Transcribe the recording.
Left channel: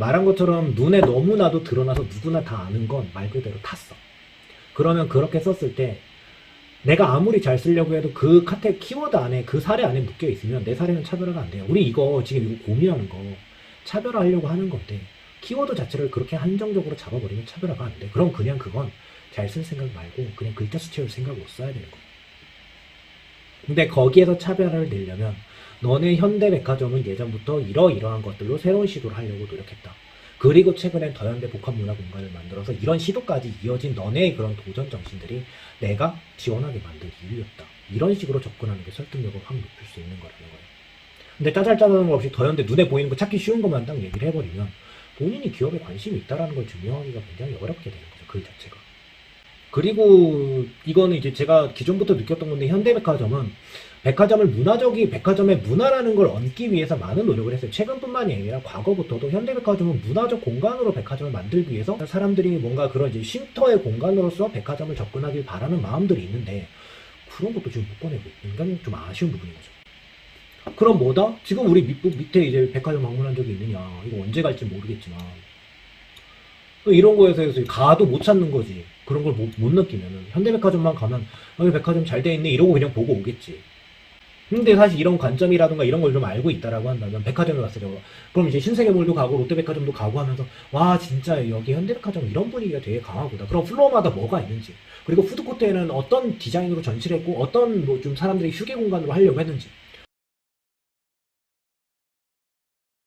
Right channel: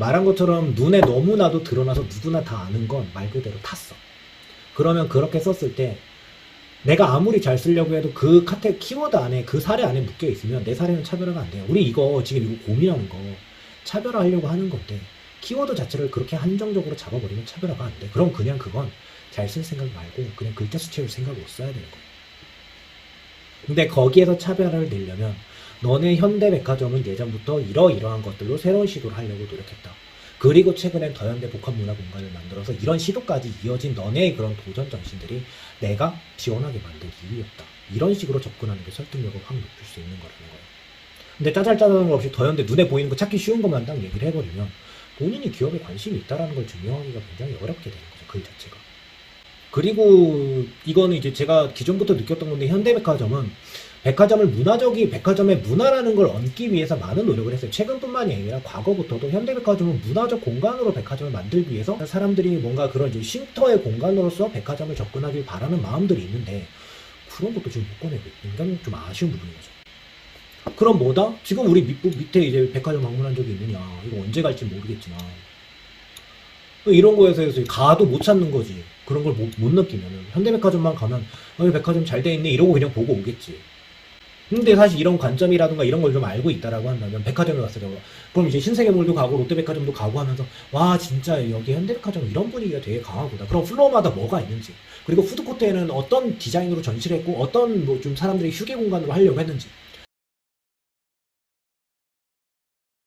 말한 것처럼 눈에 너무나도 드러나서 누구나 다 아는 건 말 그대로 탔어. 그러면 그렇게 썼을 때 내가 아무리 잘 쓰려고 해도 그 카테 키워드 안에 그 사례 안에 묶여 있으면 내 사례는 차별화가 안 돼요. 우리 이거 지금 이거 고민하는 거 차별화하려고 하는 건데 키워드 자체를 그렇게 한정적으로 잡아버리면 차별화가 안 돼. 그럼 그냥 그건 잘 쓸 생각 말고 그냥 글자 수 채울 생각으로 써야 되는 거야. 근데 거기에서 차별화를 내려면 너네 현대백화점은 예전부터 이러이러한 것들로 새로운 시도를 하려고 노력했다. 그리고 최근엔 더현대 복합 문화 공간을 만들어서 이런 시도까지 이어진 너네의 그런 도전 정신들이 내가 지원하게 만든 이유였다. 이런 식으로 접근하는 게 설득력을 확 높일 수 있는 거라는 거예요. 근데 짜잘짜잘한 거 없이 더현대 눈에 보이는 거 찾기 쉬운 것만 딱 얘기를 해버리면 본인이 기업에 관심이 있다라는 걸 증명하기가 굉장히 어렵게 되는 거죠. 그 자체가. 그리고 이거는 이제 제가 기존부터 느꼈던 건데 현대백화점은 백화점을 문화적인 백화점의 문화라는 걸 얹기 위해서 많은 노력을 했어요. 최근뿐만이 아니라 과거부터도 현대백화점은 문화적 공간으로 백화점을 만들기 위해서 사람들이 뭔가 그런 이제 쉼터의 공간으로서 백화점을 접근하길 바라는 마음들이 있는데 그런 것도 지금 못 꺼내고 굉장히 좀 아쉬운 부분인 거죠. 그럼 뭐다? 지금 우리 밑, 밑에 이제 백화점 방문한 적이 있느냐? 이거 언제 갈지 모르겠지만 또 이런 거에서 가도 못 찾는 거지. 그런 걸 못 느끼면은 현대백화점만 가면 여기 백화점 잘 돼 있네 이러고 그냥 보고 오겠지. 근데 사실 이런 관점이라든가 이런 걸 좀 알고 있다라고 한다면 백화점에 왔을 때 그럼 이제 신세계몰도 가고 롯데백화점도 가고 하면서 와 진짜 여기 현대백화점 이런 분위기가 되게 강하구나. 그럼 플로어마다 뭐가 있는지 그리고 푸드코트에는 어떤 디자인으로 전시를 했고 어떤 뭐 좀 사람들이 휴게 공간으로 하려고 했는지